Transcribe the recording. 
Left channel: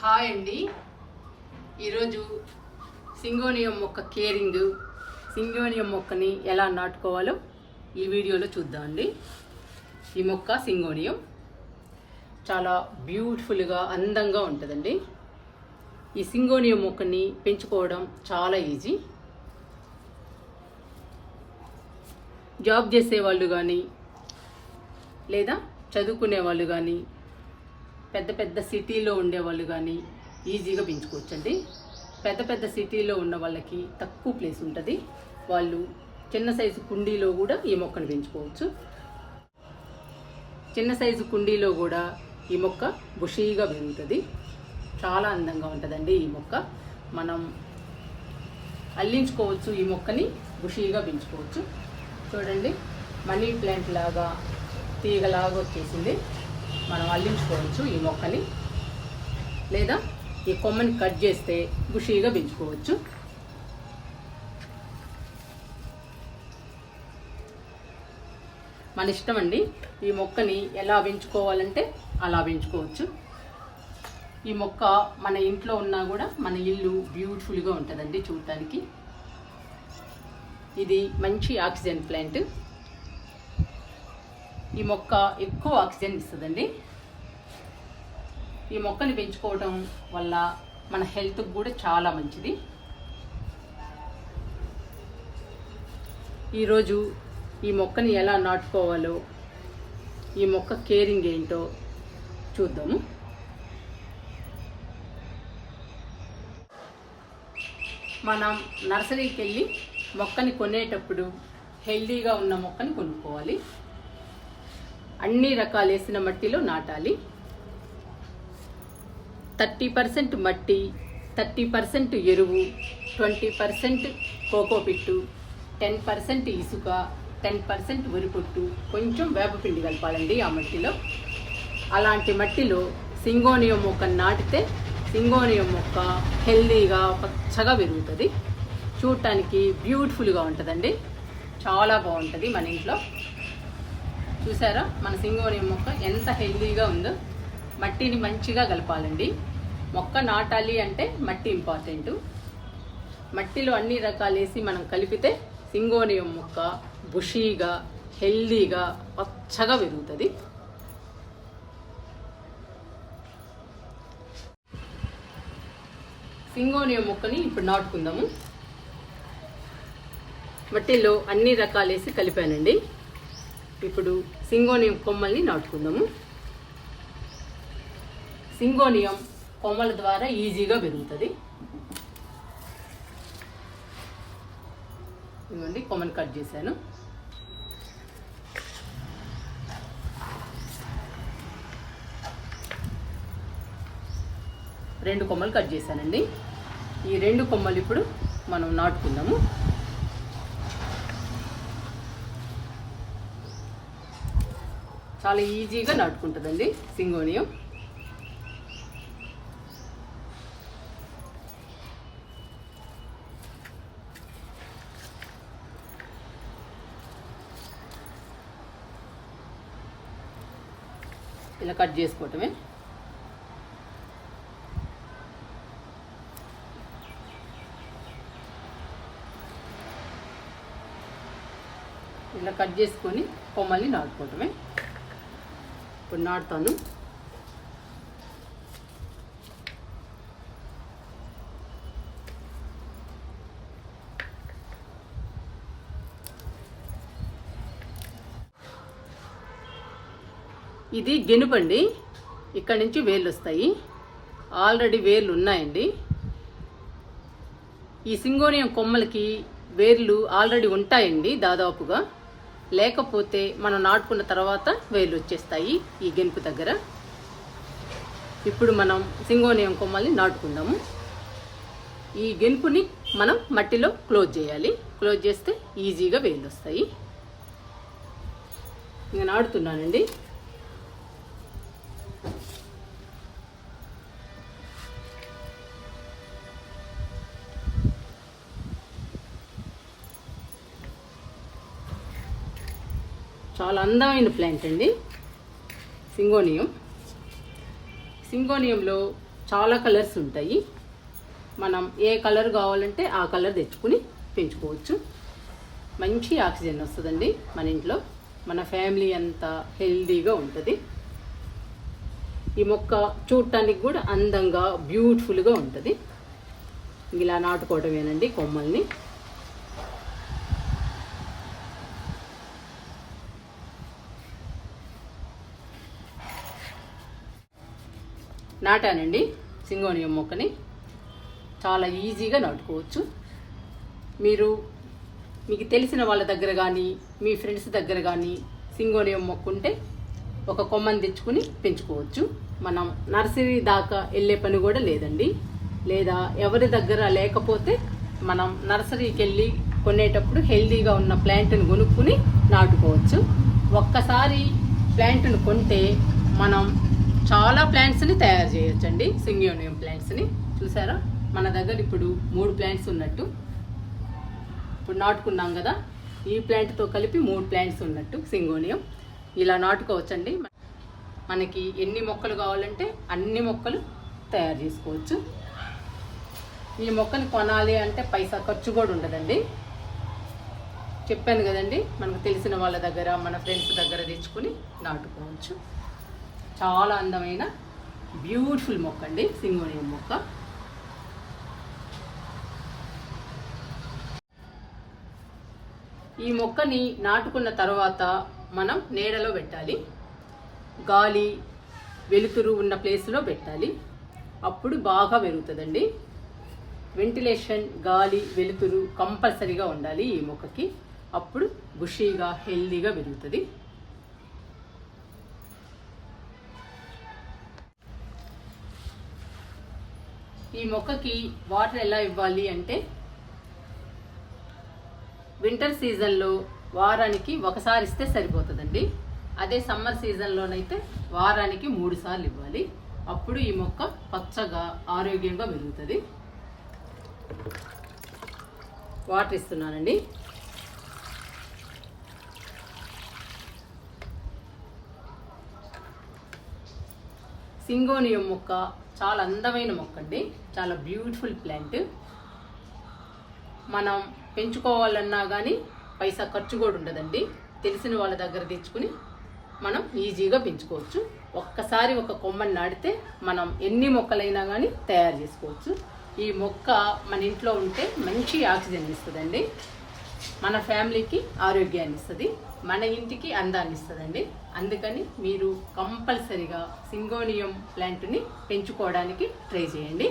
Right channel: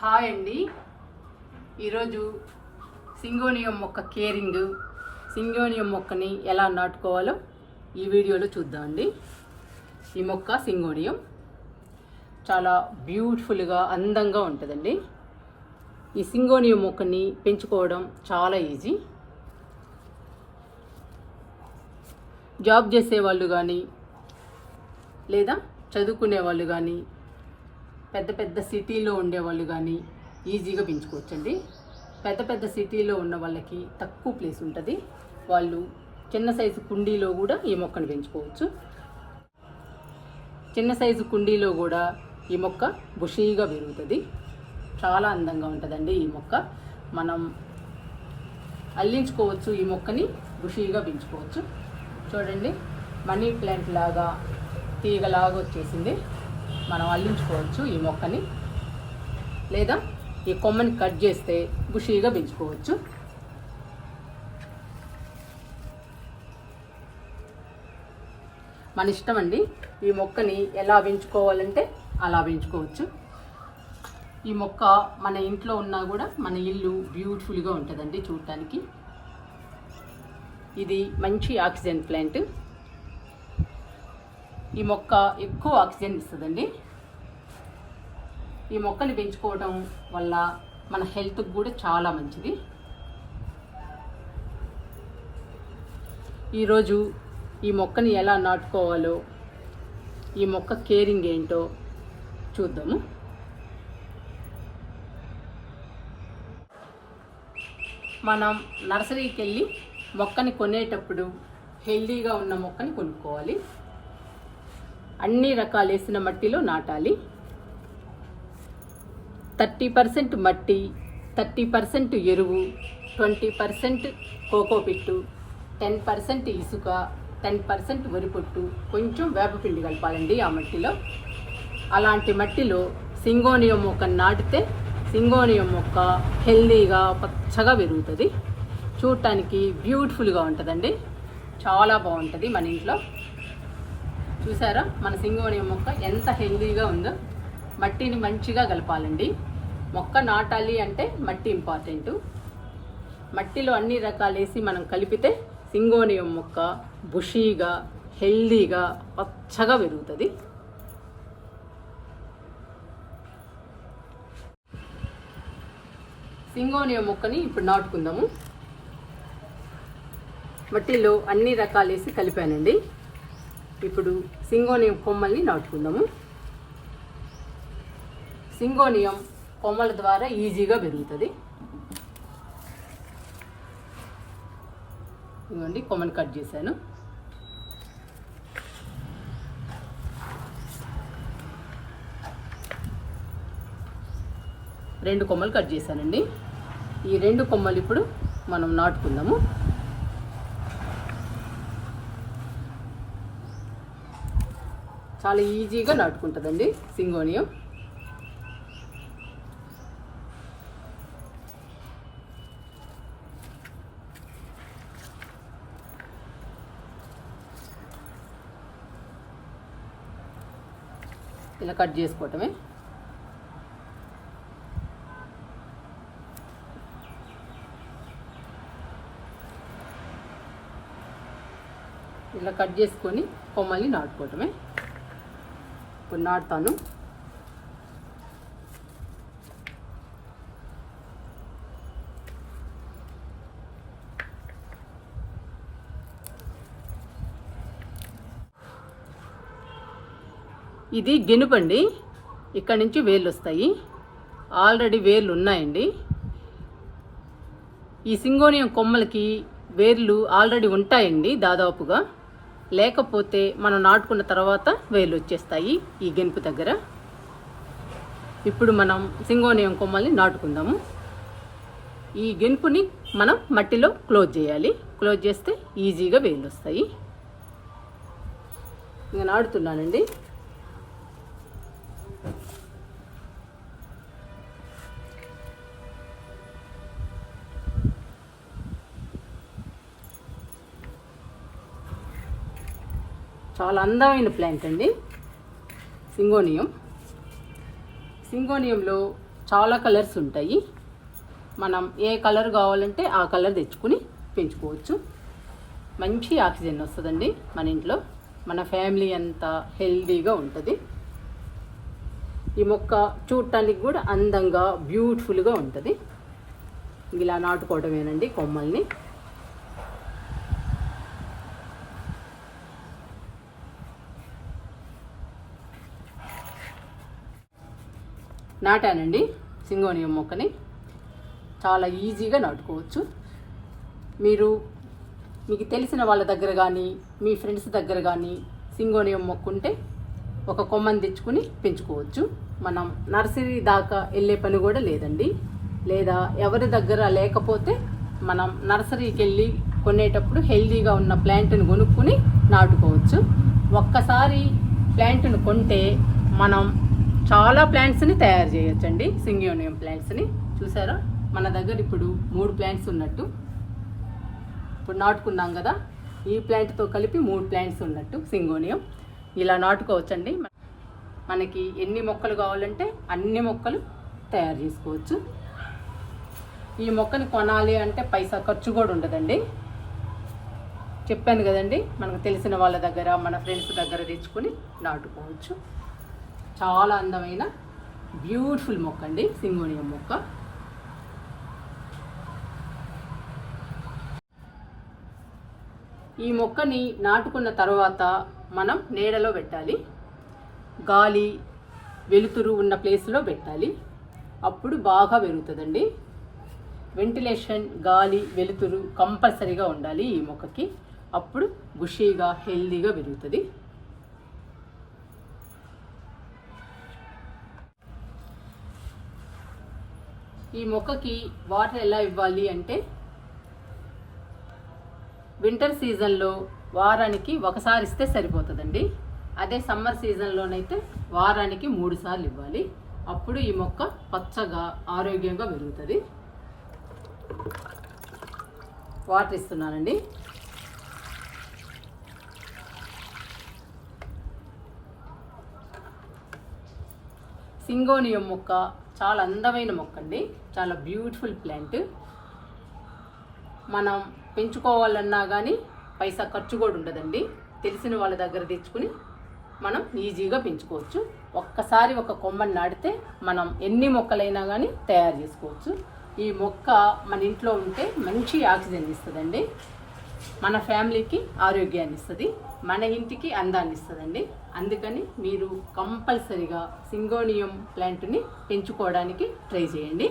Hi అండి. ఈరోజు syngonium మొక్క కేరింగ్, సింగోనియం మొక్కని ఎలా నాటుకోవాలో ఈ వీడియోలో చూద్దామండి. ఈ మొక్క సింగోనియం చాలా బ్యూటిఫుల్గా అందంగా ఉంటుందండి. ఈ సింగోనియం మొక్కని పెంచుకోవడం చాలా ఈజీ. జాబ్ చేసే వాళ్ళు కానీ లేదా చదువుకునే వాళ్ళు కానీ పెద్ద పెద్ద సిటీలో ఉండేవాళ్ళు కానీ ఈజీగా పెంచుకోవచ్చండి. పెద్ద పెద్ద సిటీలో ఉన్న వాళ్ళకి తక్కువ ప్లేస్ ఉంటుంది. వాళ్ళు చిన్న సైజు కుండీలో కూడా ఈ మొక్కను పెంచుకోవచ్చు. చిన్న సైజు కుండీలో కూడా ఈ మొక్క బుషీగా పెరుగుతుంది. చాలా అందంగా ఉంటుందండి. ఈ మొక్క మనం అల్లించుకోవచ్చు. ఈ మొక్కని బుషీగా పెంచుకోవచ్చు. చూడండి, మనీ ప్లాంట్ లాగా తీగలాగా వచ్చేసింది. మనం అల్లించుకోవచ్చు ఈ మొక్కని, లేదా ఈ కొమ్మని కట్ చేస్తే బుషీగా పెంచుకోవచ్చు. మన ఇష్టం అండి. ఈ మొక్కని ఎలా పెంచుకోవాలంటే అలా పెంచుకోవచ్చు. ఈ మొక్క మన ఇంట్లో ఉన్నా కూడా మన ఇల్లు బ్యూటిఫుల్గా ఉంటుందండి చూడటానికి. ఇది మంచి ఆక్సిజన్ ప్లాంట్. ఈ మొక్క ఎక్కువ ఆక్సిజన్ ఇస్తుందండి. ఈ మొక్కని పెంచుకోవడం వల్ల మన హెల్త్కి కూడా చాలా మంచిది. ఈరోజు ఈ మొక్కని ఎలా నాటుకోవాలో, ఈ మొక్క కేరింగ్ ఏంటో చూద్దాము. మనం నర్సరీకి వెళ్ళి మొక్కని కొనేటప్పుడు హెల్దీగా ఉన్న మొక్కని కొనుక్కోవాలి. అన్ని రకాలు వేసిన మట్టిలో నాటాలి. 30% మట్టి, 30% ఎరువు, 20% కోకోపిట్టు, 10% ఇసుక, 10% వరిపొట్టు, కొంచెం వేపపిండి కలపాలండి ఆ మట్టిలో. అలాంటి మట్టిలో సింగోనియం మొక్క నాటితే సింగోనియం మొక్క హెల్దీగా పచ్చగా పెరుగుతుంది. చూడటానికి బ్యూటిఫుల్గా ఉంటుందండి. చాలా బాగుంటుంది మన ఇంట్లో. చూసారా మన సింగోనియం మొక్క ఎంత హెల్దీగా ఉందో. మట్టిని మంచిగా కలపాలండి. మొక్క నాటాలి అంటే మట్టి ఇంపార్టెంట్. మట్టిలో అన్ని రకాలు వేసి మనం కలిపితే సింగోనియం మొక్క బుషీగా హెల్దీగా పచ్చగా పెరుగుతుంది. సింగోనియం మొక్కని ఇప్పుడు నాటుకుందాము. మట్టిలో అన్ని రకాలు వేసి కలిపానండి. ఇప్పుడు సింగోనియం కొమ్మల్ని నాటుకుందాము. సింగోనియం కొమ్మల ద్వారా ఈజీగా పెరుగుతుంది. ఇదిగోండి, కొమ్మని కట్ చేశాను. రెండు కొమ్మలు కట్ చేశానండి. ఈ రెండు కొమ్మలు ఇప్పుడు మనం నాటుకుందాము. చాలా ఈజీగా నాటుకుంటుందండి సింగోనియం. ఇలా కట్ చేసుకోవటమే. ఇలా కట్ చేసుకొని కొమ్మల్ని నాటుకోవటమే. ఇప్పుడు నాటుతాను. ఇది గెనుపండి. ఇక్కడ నుంచి వేర్లు వస్తాయి. ఆల్రెడీ వేర్లు ఉన్నాయండి. ఈ సింగోనియం కొమ్మలకి వేర్లు ఆల్రెడీ ఉంటాయండి దాదాపుగా. లేకపోతే మనం నాటుకున్న తర్వాత వేర్లు వచ్చేస్తాయి ఈ గెనుపు దగ్గర. ఇప్పుడు మనం సింగోనియం కొమ్మల్ని నాటుకుందాము. ఈ గెనుపుని మనం మట్టిలో క్లోజ్ చేయాలి. క్లోజ్ చేస్తే ఈజీగా వేర్లు వస్తాయి. నేను నాటుతున్నానండి. చాలా అందమైన ప్లాంట్ అండి సింగోనియం. సింగోనియంలో చాలా కలర్స్ ఉంటాయి. మనం ఏ కలర్ కావాలంటే ఆ కలర్ తెచ్చుకుని పెంచుకోవచ్చు. మంచి ఆక్సిజన్ వస్తుందండి మన ఇంట్లో. మన ఫ్యామిలీ అంతా హెల్దీగా ఉంటుంది. ఈ మొక్క చూడటానికి కూడా అందంగా బ్యూటిఫుల్గా ఉంటుంది. ఇలా నాటుకోవడమేనండి కొమ్మల్ని. నాటానండి సింగోనియం మొక్కని. చాలా ఈజీగా నాటుకోవచ్చు. మీకు తెలిసిన వాళ్ళ దగ్గర కానీ మీ ఫ్రెండ్స్ దగ్గర కానీ సింగోనియం మొక్క ఉంటే ఒక కొమ్మని తెచ్చుకుని పెంచుకోవచ్చు. మనం నర్సరీ దాకా వెళ్ళే పని కూడా లేదండి. లేదా ఎవరి దగ్గర లేకపోతే మనం నర్సరీకి వెళ్ళి కొనేటప్పుడు హెల్దీగా ఉన్న ప్లాంట్ని కొనుక్కుని నాటుకోవచ్చు. ఒక్కసారి ప్లాంట్ని కొంటే మనం చాలా ప్లాంట్స్ని తయారు చేయొచ్చండి. సింగోనియం ప్లాంట్స్ని చూసారా, మన దగ్గర ఇప్పుడు 3 ప్లాంట్స్ ఉన్నట్టు. ఇప్పుడు నాటుకున్నాం కదా, ఈ ప్లాంట్తో కలిపి 3 ప్లాంట్స్ ఉన్నట్టు సింగోనియం. ఇలా నాటుకోవచ్చండి. మనకి ఎన్ని మొక్కలు కావాలంటే అన్ని మొక్కలు తయారు చేసుకోవచ్చు. ఈ మొక్కని కొనాలి అంటే పైసా ఖర్చు కూడా ఉండదండి. చెప్పాను కదండి, మనకు తెలిసిన వాళ్ళ దగ్గర మన ఫ్రెండ్స్ దగ్గర తెచ్చుకుని నాటుకోవచ్చు. చాలా అందమైన బ్యూటిఫుల్ మొక్క అండి సింగోనియం మొక్క. ఈ మొక్కని నాటుకున్న తర్వాత మనం నీడలో పెట్టాలి. గాలి వెలుతురు ఉన్న ప్లేస్లో పెట్టాలి. అప్పుడు బాగా పెరుగుతుందండి. వెంటిలేషన్, గాలి, వెలుతురు కంపల్సరీగా ఉండాలి ఈ మొక్కకి. అప్పుడు బుషీగా హెల్దీగా పెరుగుతుంది. ఈ మొక్కకి వాటర్ ఎలా ఇవ్వాలి అంటే, వింటర్ సీజన్లో వారానికి ఒకసారి ఇస్తే సరిపోతుందండి. అదే సమ్మర్ సీజన్లోనైతే వారానికి 3 సార్లు ఇవ్వాలి. అప్పుడు ఈ మొక్క పచ్చగా ఆరోగ్యంగా పెరుగుతుంది. వాటర్ ఇస్తున్నానండి. సింగోనియం మొక్క చాలా అందమైన మొక్క అండి. చాలా బ్యూటిఫుల్ ప్లాంట్. మనం పెంచుకోవాలన్నా కానీ పైసా ఖర్చు కూడా ఉండదండి. తెలిసిన వాళ్ళ దగ్గర తెచ్చుకుని మనం ఈజీగా పెంచుకోవచ్చు. ఒక్కసారి ఒక కొమ్మని నాటితే మనం ఎన్ని మొక్కలైనా కానీ తయారు చేసుకోవచ్చు. ఈ మొక్క మన ఇంట్లో ఉంటే మంచి ఆక్సిజన్ ఇస్తుందండి. మన ఫ్యామిలీకి ఆరోగ్యాన్ని ఇస్తుంది, మన ఇంటికి అందాన్ని ఇస్తుందండి. అందుకని మీరు కంపల్సరిగా సింగోనియం ప్లాంట్ని పెంచుకోవడానికి ట్రై చేయండి.